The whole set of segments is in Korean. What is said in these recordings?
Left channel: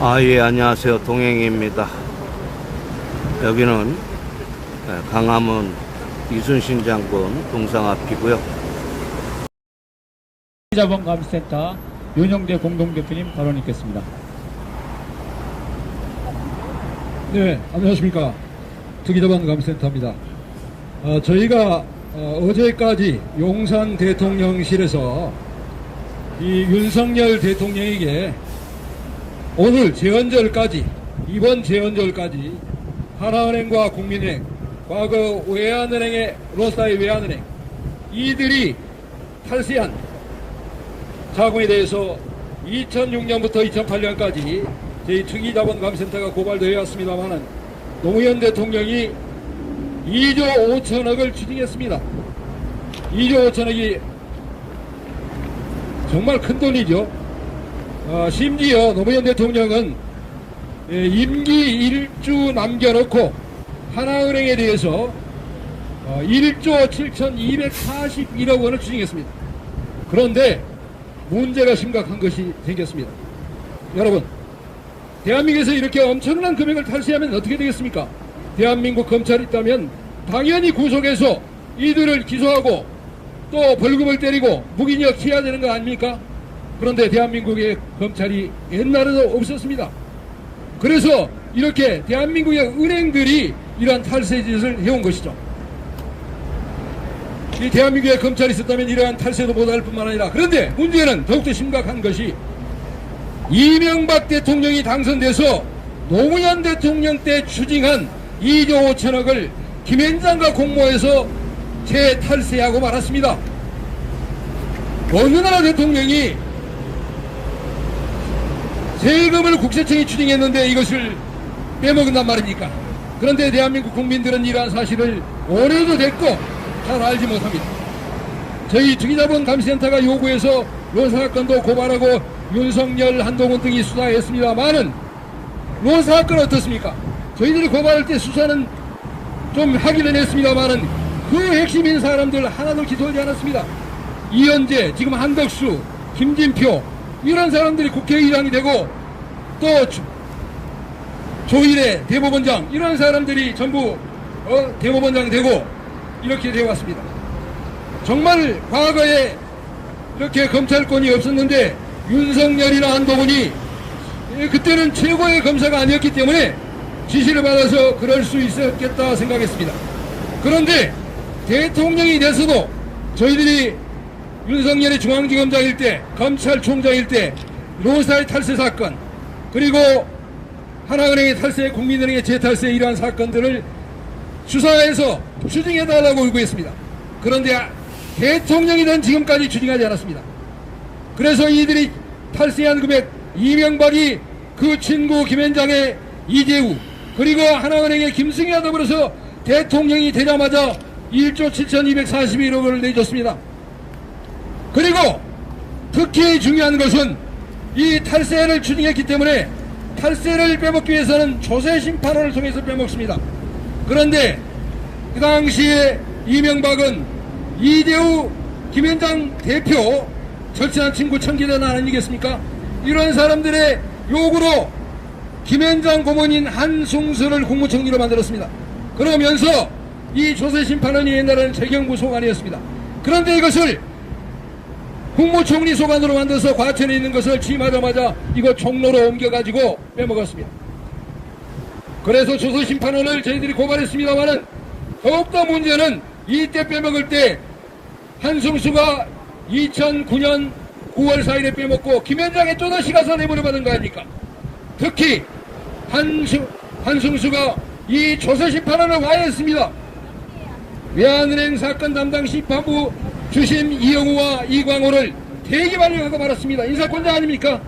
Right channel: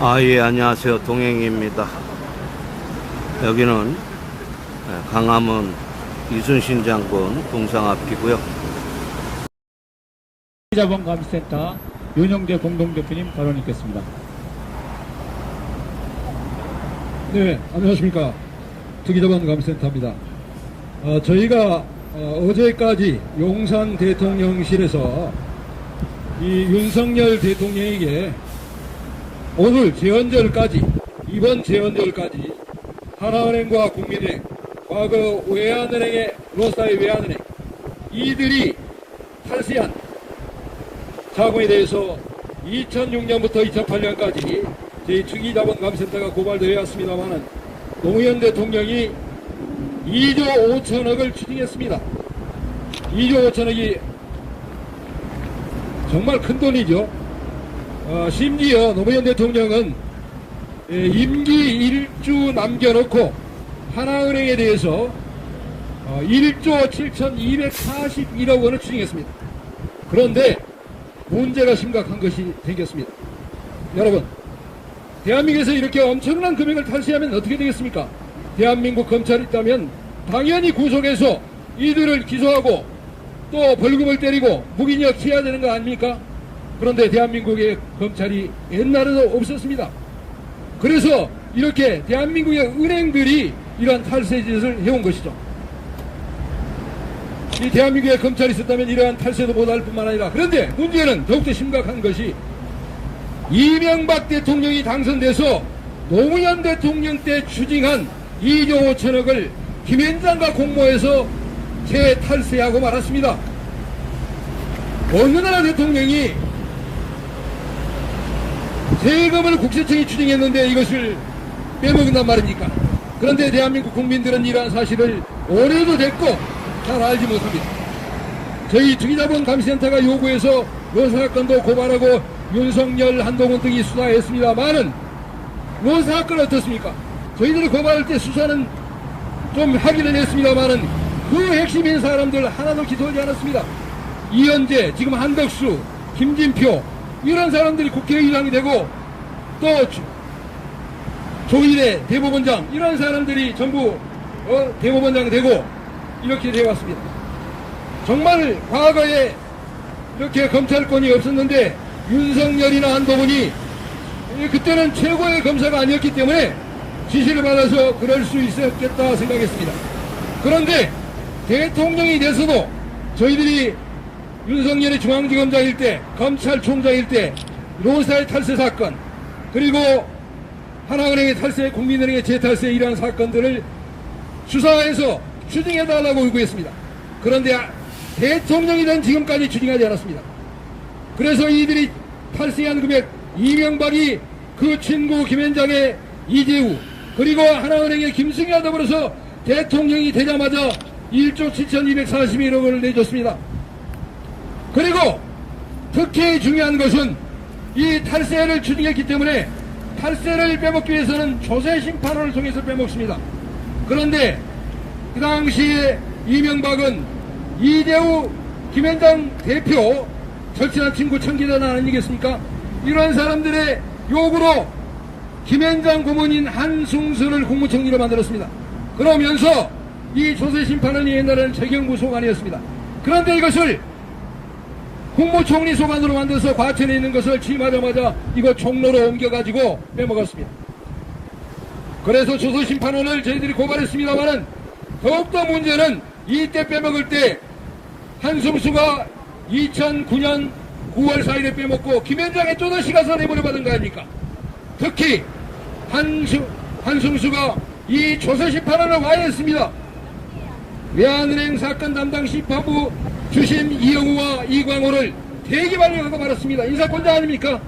예, 안녕하세요. 동행입니다. 여기는 강화문 이순신 장군 동상 앞이고요. 투기자본감센터 윤영대 공동대표님 발언 있겠습니다. 네, 안녕하십니까. 투기자본감센터입니다. 저희가 어제까지 용산 대통령실에서 이 윤석열 대통령에게 오늘 재헌절까지, 이번 재헌절까지 하나은행과 국민은행, 과거 외환은행의 로스타의 외환은행, 이들이 탈세한 자금에 대해서 2006년부터 2008년까지 저희 투기자본감센터가 고발되어 왔습니다만 노무현 대통령이 2조 5천억을 추징했습니다. 2조 5천억이 정말 큰 돈이죠. 심지어 노무현 대통령은 임기 1주 남겨놓고 하나은행에 대해서 1조 7,241억 원을 추징했습니다. 그런데 문제가 심각한 것이 생겼습니다. 여러분, 대한민국에서 이렇게 엄청난 금액을 탈세하면 어떻게 되겠습니까? 대한민국 검찰이 있다면 당연히 구속해서 이들을 기소하고 또 벌금을 때리고 무기징역 해야 되는 거 아닙니까? 그런데 대한민국의 검찰이 옛날에도 없었습니다. 그래서 이렇게 대한민국의 은행들이 이러한 탈세 짓을 해온 것이죠. 이 대한민국의 검찰이 있었다면 이러한 탈세도 못할 뿐만 아니라, 그런데 문제는 더욱더 심각한 것이 이명박 대통령이 당선돼서 노무현 대통령 때 추징한 2조 5천억을 김앤장과 공모해서 재탈세하고 말았습니다. 어느 나라 대통령이 세금을 국세청이 추징했는데 이것을 빼먹은단 말입니까? 그런데 대한민국 국민들은 이러한 사실을 오래도 됐고 잘 알지 못합니다. 저희 투기자본감센터가 요구해서 로사건도 고발하고 윤석열, 한동훈 등이 수사했습니다만은 로사건 어떻습니까? 저희들이 고발할 때 수사는 좀 하기는 했습니다만은 그 핵심인 사람들 하나도 기소하지 않았습니다. 이현재, 지금 한덕수, 김진표 이런 사람들이 국회의장이 되고 또 조일의 대법원장 이런 사람들이 전부 대법원장이 되고 이렇게 되어 왔습니다. 정말 과거에 이렇게 검찰권이 없었는데 윤석열이나 한동훈이 그때는 최고의 검사가 아니었기 때문에 지시를 받아서 그럴 수 있었겠다 생각했습니다. 그런데 대통령이 돼서도 저희들이 윤석열이 중앙지검장일 때, 검찰총장일 때 로사의 탈세 사건, 그리고 하나은행의 탈세, 국민은행의 재탈세 이러한 사건들을 수사해서 추징해달라고 요구했습니다. 그런데 대통령이 된 지금까지 추징하지 않았습니다. 그래서 이들이 탈세한 금액, 이명박이 그 친구 김앤장의 이재우, 그리고 하나은행의 김승희와 더불어서 대통령이 되자마자 1조 7,241억 원을 내줬습니다. 그리고 특히 중요한 것은 이 탈세를 추징했기 때문에 탈세를 빼먹기 위해서는 조세심판원을 통해서 빼먹습니다. 그런데 그 당시에 이명박은 이재우 김앤장 대표 절친한 친구 청계전 아니겠습니까? 이런 사람들의 요구로 김앤장 고문인 한승수를 국무총리로 만들었습니다. 그러면서 이 조세심판원이 옛날에는 재경부 소관이었습니다. 그런데 이것을 국무총리 소관으로 만들어서 과천에 있는 것을 취임하자마자 이거 종로로 옮겨가지고 빼먹었습니다. 그래서 조세심판원을 저희들이 고발했습니다만은 더욱더 문제는 이때 빼먹을 때 한승수가 2009년 9월 4일에 빼먹고 김앤장에 또다시 가서 뇌물을 받은 거 아닙니까? 특히 한승수가 이 조세심판원을 와해했습니다. 외환은행 사건 담당 심판부 주심 이영우와 이광호를 대기발령하고 말았습니다. 인사권자 아닙니까?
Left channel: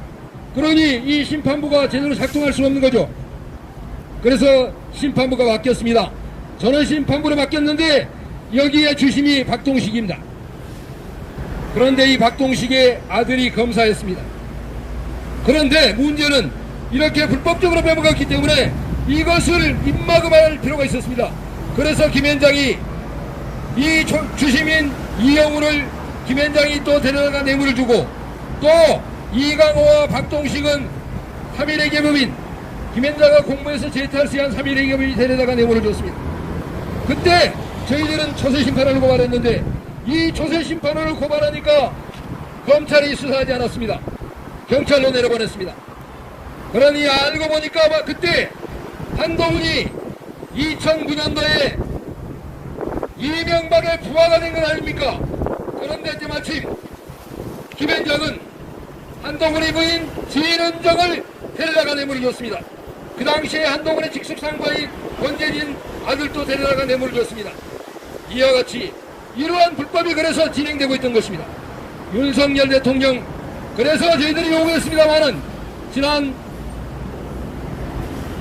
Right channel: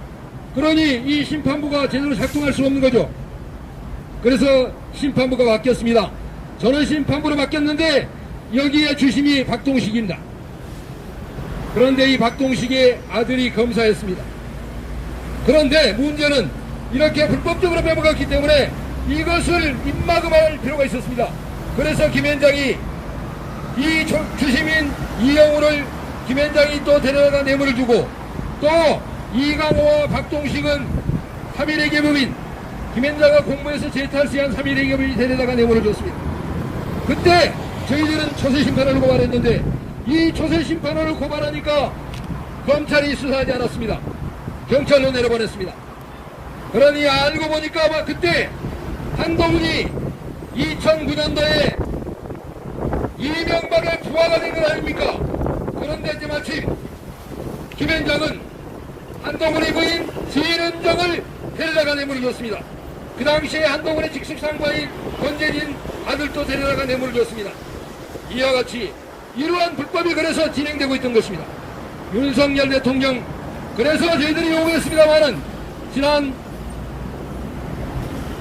그러니 이 심판부가 제대로 작동할 수 없는 거죠. 그래서 심판부가 바뀌었습니다. 저는 심판부로 바뀌었는데 여기에 주심이 박동식입니다. 그런데 이 박동식의 아들이 검사였습니다. 그런데 문제는 이렇게 불법적으로 빼먹었기 때문에 이것을 입막음할 필요가 있었습니다. 그래서 김앤장이 이 주심인 이영우를 김앤장이 또 데려다가 뇌물을 주고 또 이강호와 박동식은 3일의 계급인 김현장과 공무에서 재탈세한 3일의 계급이 데려다가 내버려뒀습니다. 그때 저희들은 초세심판을 고발했는데 이 초세심판을 고발하니까 검찰이 수사하지 않았습니다. 경찰로 내려보냈습니다. 그러니 알고 보니까 그때 한동훈이 2009년도에 이명박의 부하가 된 건 아닙니까? 그런데 때마침 김현장은 한동훈의 부인 진은정을 데려다가 내버려뒀습니다. 그 당시에 한동훈의 직속상과인 권재진 아들도 데려다가 내버려뒀습니다. 이와 같이 이러한 불법이 그래서 진행되고 있던 것입니다. 윤석열 대통령, 그래서 저희들이 요구했습니다마는 지난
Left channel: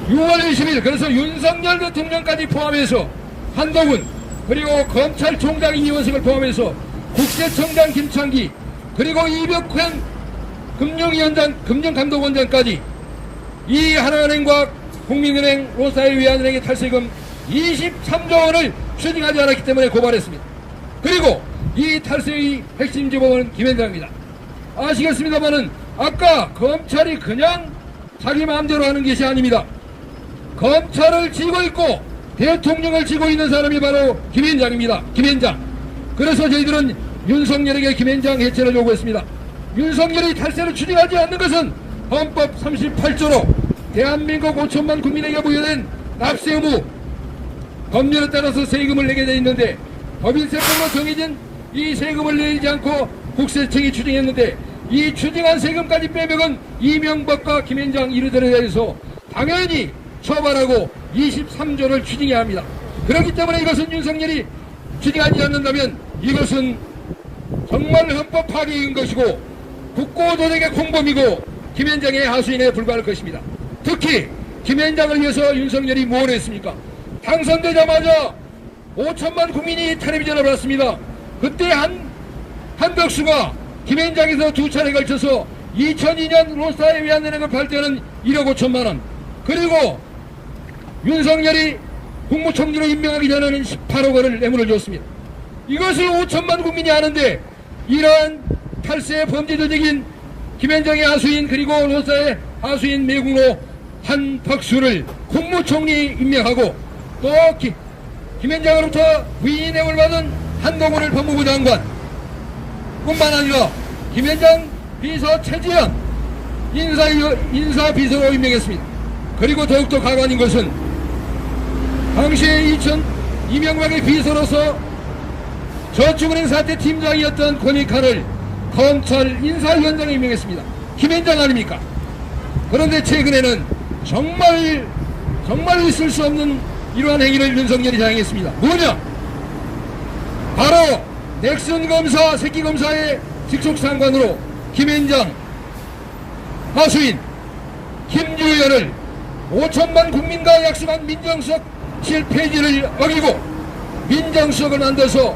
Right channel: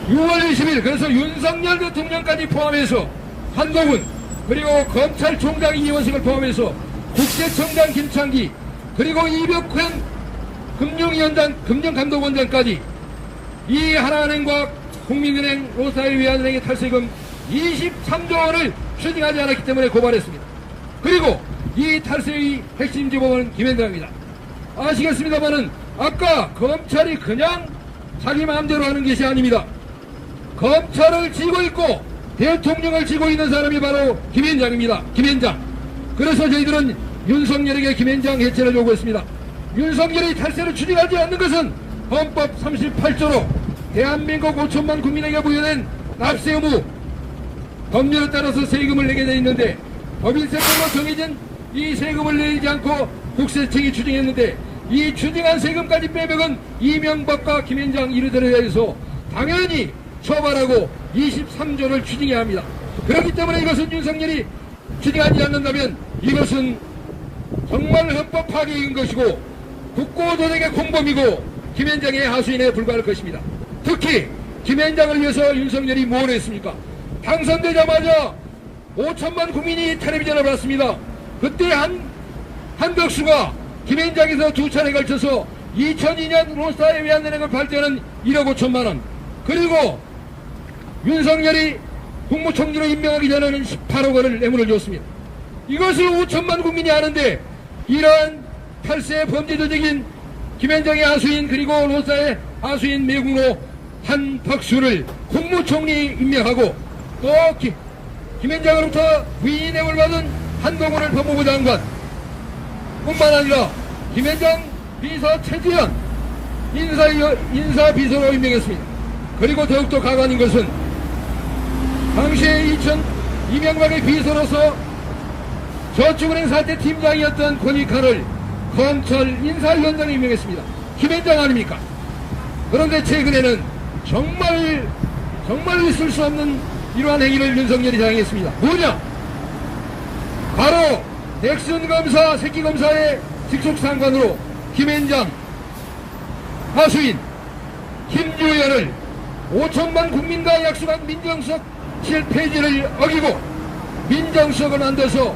6월 20일 그래서 윤석열 대통령까지 포함해서 한동훈 그리고 검찰총장 이원석을 포함해서 국세청장 김창기 그리고 이벽환 금융위원장 금융감독원장까지 이 하나은행과 국민은행 롯사회외환은행의 탈세금 23조 원을 추징하지 않았기 때문에 고발했습니다. 그리고 이 탈세의 핵심 주범은 김현장입니다. 아시겠습니다마는 아까 검찰이 그냥 자기 마음대로 하는 것이 아닙니다. 검찰을 쥐고 있고 대통령을 쥐고 있는 사람이 바로 김현장입니다. 김현장. 그래서 저희들은 윤석열에게 김현장 해체를 요구했습니다. 윤석열이 탈세를 추진하지 않는 것은 헌법 38조로 대한민국 5천만 국민에게 부여된 납세 의무 법률에 따라서 세금을 내게 되어 있는데 법인세법으로 정해진 이 세금을 내지 않고 국세청이 추징했는데 이 추징한 세금까지 빼먹은 이명박과 김현장 이르들에 대해서 당연히 처벌하고 23조를 추징해야 합니다. 그렇기 때문에 이것은 윤석열이 추징하지 않는다면 이것은 정말 헌법 파괴인 것이고 국고조직의 공범이고 김현장의 하수인에 불과할 것입니다. 특히 김현장을 위해서 윤석열이 뭘 했습니까? 당선되자마자 5천만 국민이 텔레비전을 봤습니다. 그때 한덕수가 김현장에서 두 차례 걸쳐서 2002년 롯사회외환은행을 팔 때는 1억 5천만 원 그리고 윤석열이 국무총리로 임명하기 전에는 18억 원을 뇌물을 줬습니다. 이것을 5천만 국민이 아는데 이러한 탈세 범죄 조직인 김현장의 하수인 그리고 롯사의 하수인 매국노 한박수를 국무총리 임명하고 또 김현장으로부터 부인이 뇌물 받은 한동훈을 법무부 장관 뿐만 아니라 김현장 비서 최지현 인사비서로 임명했습니다. 그리고 더욱더 가관인 것은 당시에 이명박의 비서로서 저축은행 사태 팀장이었던 권익환을 검찰 인사위원장에 임명했습니다. 김현장 아닙니까? 그런데 최근에는 정말 있을 수 없는 이러한 행위를 윤석열이 자행했습니다. 뭐냐? 바로 넥슨 검사, 새끼 검사의 직속 상관으로 김현장, 하수인, 김유열을 5천만 국민과 약속한 민정수석 실폐지를 어기고 민정수석을 만들어서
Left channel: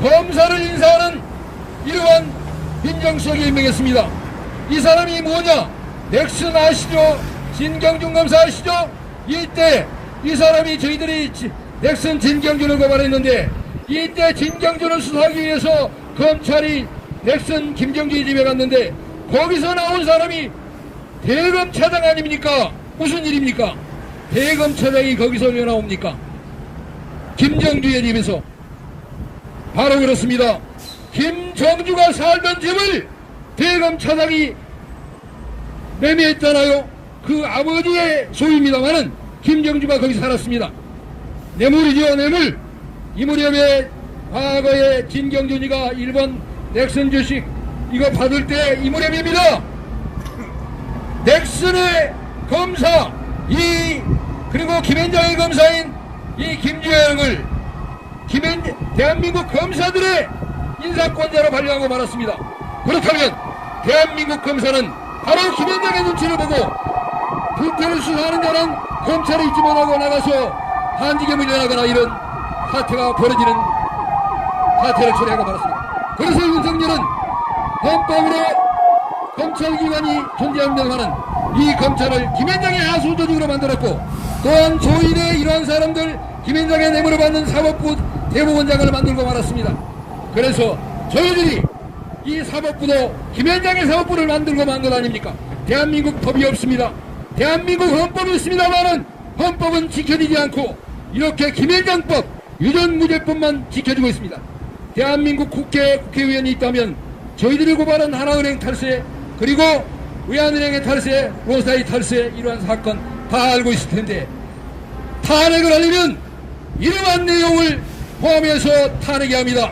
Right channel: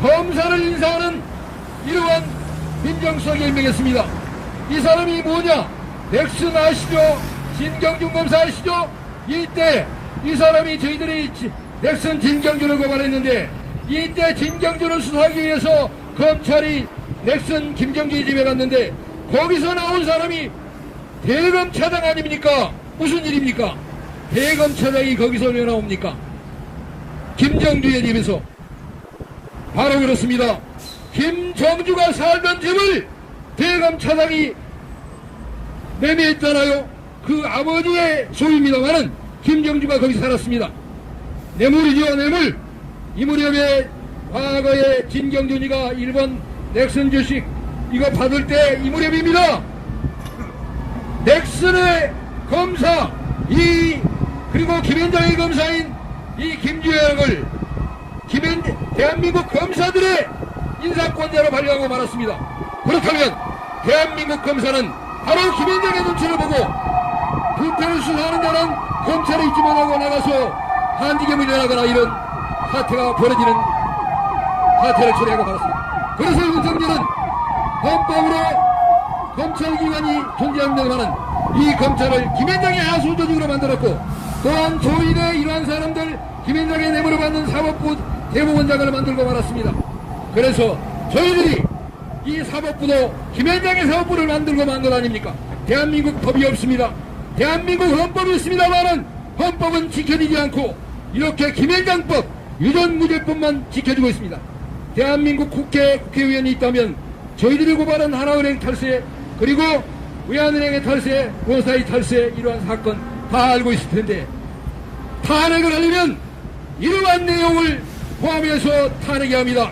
검사를 인사하는 이러한 민정수석이 임명했습니다. 이 사람이 뭐냐? 넥슨 아시죠? 진경준 검사 아시죠? 이때 이 사람이 저희들이 넥슨 진경준을 고발했는데 이때 진경준을 수사하기 위해서 검찰이 넥슨 김정준이 집에 갔는데 거기서 나온 사람이 대검차장 아닙니까? 무슨 일입니까? 대검차장이 거기서 왜 나옵니까? 김정주의 집에서. 바로 그렇습니다. 김정주가 살던 집을 대검차장이 매매했잖아요. 그 아버지의 소유입니다만은 김정주가 거기 살았습니다. 뇌물이지요, 뇌물. 이 무렵에 과거에 김경준이가 일본 넥슨 주식 이거 받을 때 이 무렵입니다. 넥슨의 검사 그리고 김현장의 검사인 이 김주영을 대한민국 검사들의 인사권자로 발령하고 말았습니다. 그렇다면 대한민국 검사는 바로 김현장의 눈치를 보고 불태를 수사하는 자는 검찰에 있지 못하고 나가서 한지겸을 내나가나 이런 사태가 벌어지는 사태를 처리하고 말았습니다. 그래서 윤석열은 헌법으로 검찰기관이 존재합니다만은 이 검찰을 김현장의 하수조직으로 만들었고 또한 조인의 이러한 사람들 김현장의 뇌물을 받는 사법부 대법원장을 만들고 말았습니다. 그래서 저희들이 이 사법부도 김현장의 사법부를 만들고 만든 거 아닙니까? 대한민국 법이 없습니다. 대한민국 헌법이 있습니다만은 헌법은 지켜지지 않고 이렇게 김앤장법, 유전무죄법만 지켜주고 있습니다. 대한민국 국회의원이 있다면 저희들이 고발한 하나은행 탈세, 그리고 외환은행의 탈세, 원사의 탈세, 이런 사건 다 알고 있을 텐데, 탄핵을 하려면 이러한 내용을 포함해서 탄핵해야 합니다.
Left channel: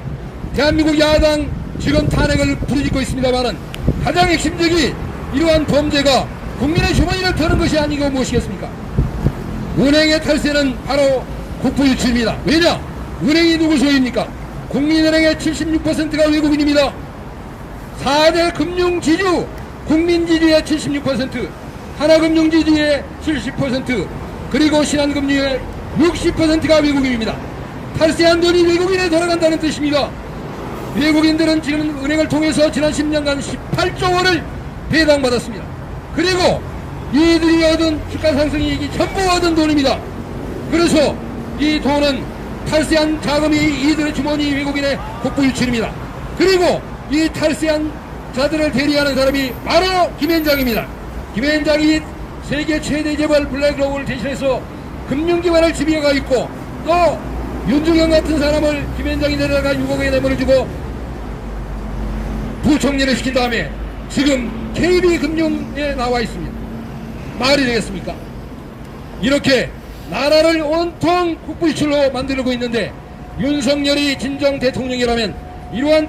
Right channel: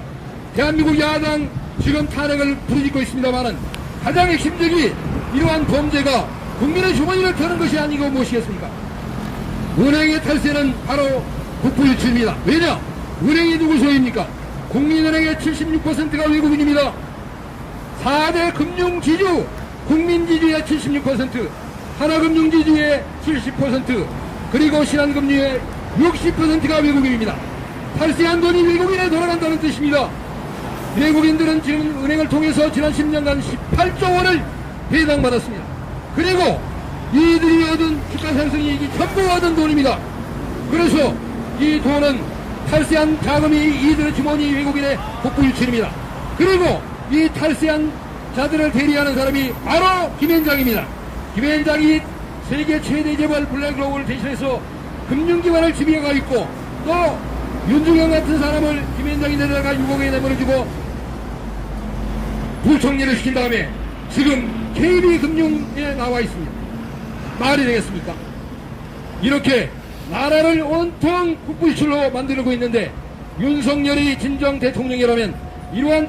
대한민국 야당 지금 탄핵을 부르짖고 있습니다만은 가장 핵심적인 이러한 범죄가 국민의 주머니를 터는 것이 아니고 무엇이겠습니까? 은행의 탈세는 바로 국부유출입니다. 왜냐? 은행이 누구 소유입니까? 국민은행의 76%가 외국인입니다. 4대 금융지주, 국민지주의 76%, 하나금융지주의 70%, 그리고 신한금융의 60%가 외국인입니다. 탈세한 돈이 외국인에 돌아간다는 뜻입니다. 외국인들은 지금 은행을 통해서 지난 10년간 18조 원을 배당받았습니다. 그리고 이들이 얻은 주가상승이익이 전부 얻은 돈입니다. 그래서 이 돈은 탈세한 자금이 이들의 주머니 외국인의 국부유출입니다. 그리고 이 탈세한 자들을 대리하는 사람이 바로 김앤장입니다. 김앤장이 세계 최대 재벌 블랙록을 대신해서 금융기관을 지배해가 있고, 또 윤중현 같은 사람을 김앤장이 내려다가 6억에 내버려주고 부총리를 시킨 다음에 지금 KB금융에 나와 있습니다. 말이 되겠습니까? 이렇게 나라를 온통 국부유출로 만들고 있는데, 윤석열이 진정 대통령이라면 이러한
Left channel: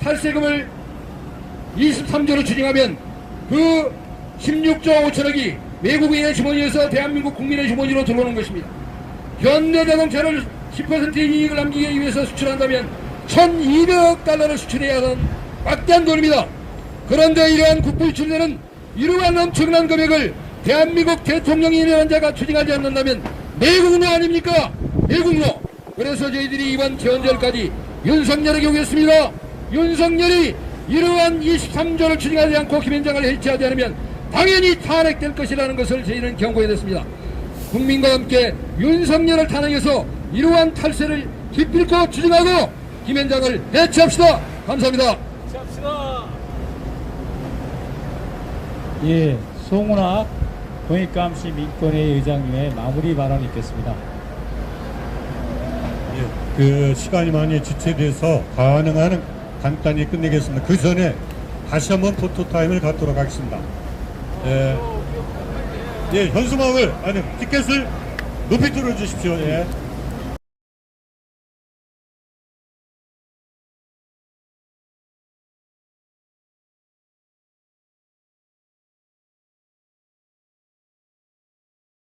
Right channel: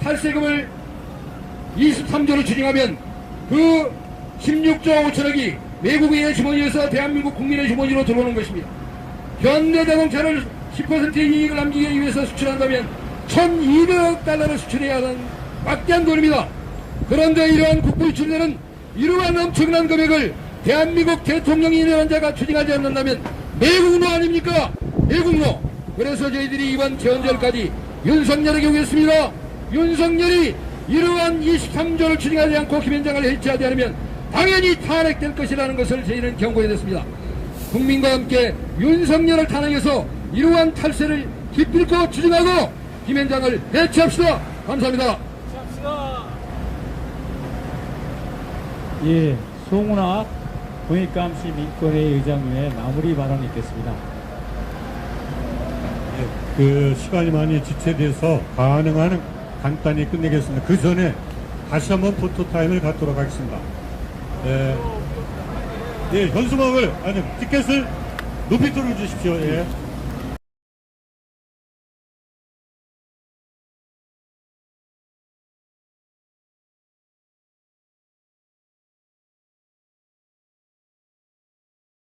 탈세금을 23조를 추징하면 그 16조 5천억이 외국인의 주머니에서 대한민국 국민의 주머니로 들어오는 것입니다. 현대자동차를 10%의 이익을 남기기 위해서 수출한다면 1200억 달러를 수출해야 하는 막대한 돈입니다. 그런데 이러한 국부유출들은 이러한 엄청난 금액을 대한민국 대통령이라는 자가 추징하지 않는다면 매국노 아닙니까? 매국노. 그래서 저희들이 이번 재헌절까지 윤석열에게 오겠습니다. 윤석열이 이러한 23조를 추징하지 않고 김앤장을 해체하지 않으면 당연히 탄핵될 것이라는 것을 저희는 경고해냈습니다. 국민과 함께 윤석열을 탄핵해서 이러한 탈세를 기필코 추징하고 김앤장을 해체합시다. 감사합니다. 예, 송은학 동해감시 민권회 의장님의 마무리 발언이 있겠습니다. 그 시간이 많이 지체돼서 가능한 간단히 끝내겠습니다. 그 전에 다시 한번 포토타임을 갖도록 하겠습니다. 현수막을, 티켓을 높이 뚫어주십시오. 예.